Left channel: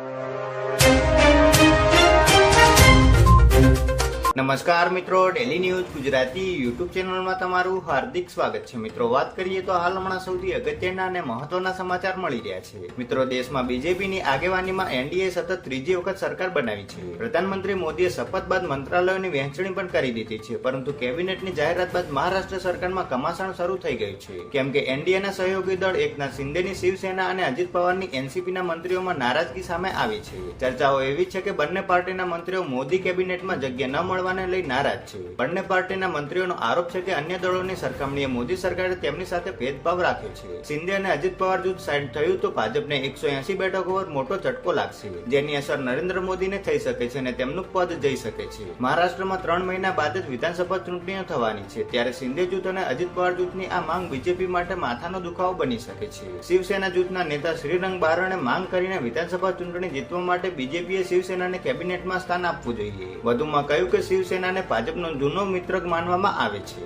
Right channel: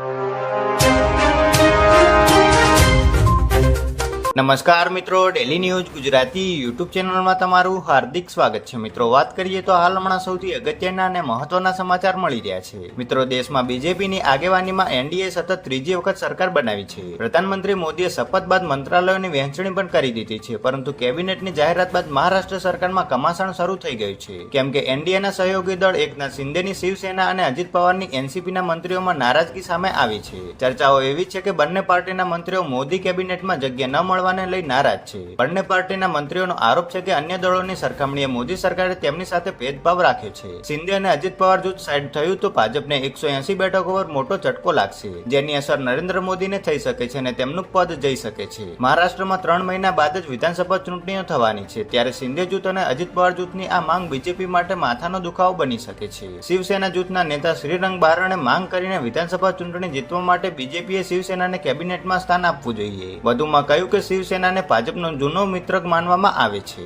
you. નમસ્કાર મિત્રો daily news Gujarati YouTube ચેનલમાં તમારું હાર્દિક સ્વાગત છે. મિત્રો, વાત કરીએ તો હાલ હમણાં સૌથી અગત્યના અને મહત્વના સમાચાર મળી રહ્યા છે. મિત્રો, દેશમાં બીજેપીની આગેવાનીમાં એનડીએ સતત ત્રીજી વખત સરકાર બનાવી છે. પ્રધાનમંત્રી મોદીએ શપથ બાદ મંત્રાલયોની વહેંચણી પણ કરી દીધી છે, પરંતુ કેબિનેટની જાહેરાત બાદ મહારાષ્ટ્ર સરકારમાં કમાસણ શરૂ થઈ ગયું છે. કેમ કે એનડીએના સહયોગી દળ એકનાથ શિંદેની શિવસેના અને અજીત પવારની એનસીપીના મંત્રીઓમાં નારાજગી સામે આવી છે. ચર્ચાઓ એવી છે કે બંને પાર્ટીના મંત્રીઓ મોદી કેબિનેટમાં જગ્યા ન મળવાને લઈ નારાજ છે. બંને પાર્ટીના મંત્રીઓનો આરોપ છે કે અન્ય દળોની સરખામણીએ મોદી સરકારે તેમની સાથે ભેદભાવ રાખ્યો છે. શિંદે અને અજીત પવાર જૂથ સાઈડ થયું તો ભાજપને એકસો એસી બેઠકો પર મોટો ઝટકો લાગશે. જેની અસર નરેન્દ્ર મોદીને થઈ શકે છે અને તેમનું પદ જઈ શકે છે. મહારાષ્ટ્રમાં ત્રણ મહિના બાદ જ વિધાનસભા ચૂંટણીઓ થવાની છે. ત્યારે શિંદે જૂથ અને અજીત પવાર જૂથની આ માંગ બીજેપી માટે માથાનો દુખાવો બની શકે છે. શિવસેના જૂથના નેતા શ્રીરંગ બારણે માંગ કરીને વિધાનસભા ચૂંટણી જીતવા માટે બીજેપીએ શિવસેનાને કેબિનેટમાં સ્થાન આપવું જોઈએ. વધુમાં કહ્યું કે શિવસેનાને ભાજપનો જૂનો મિત્ર માનવામાં આવે છે.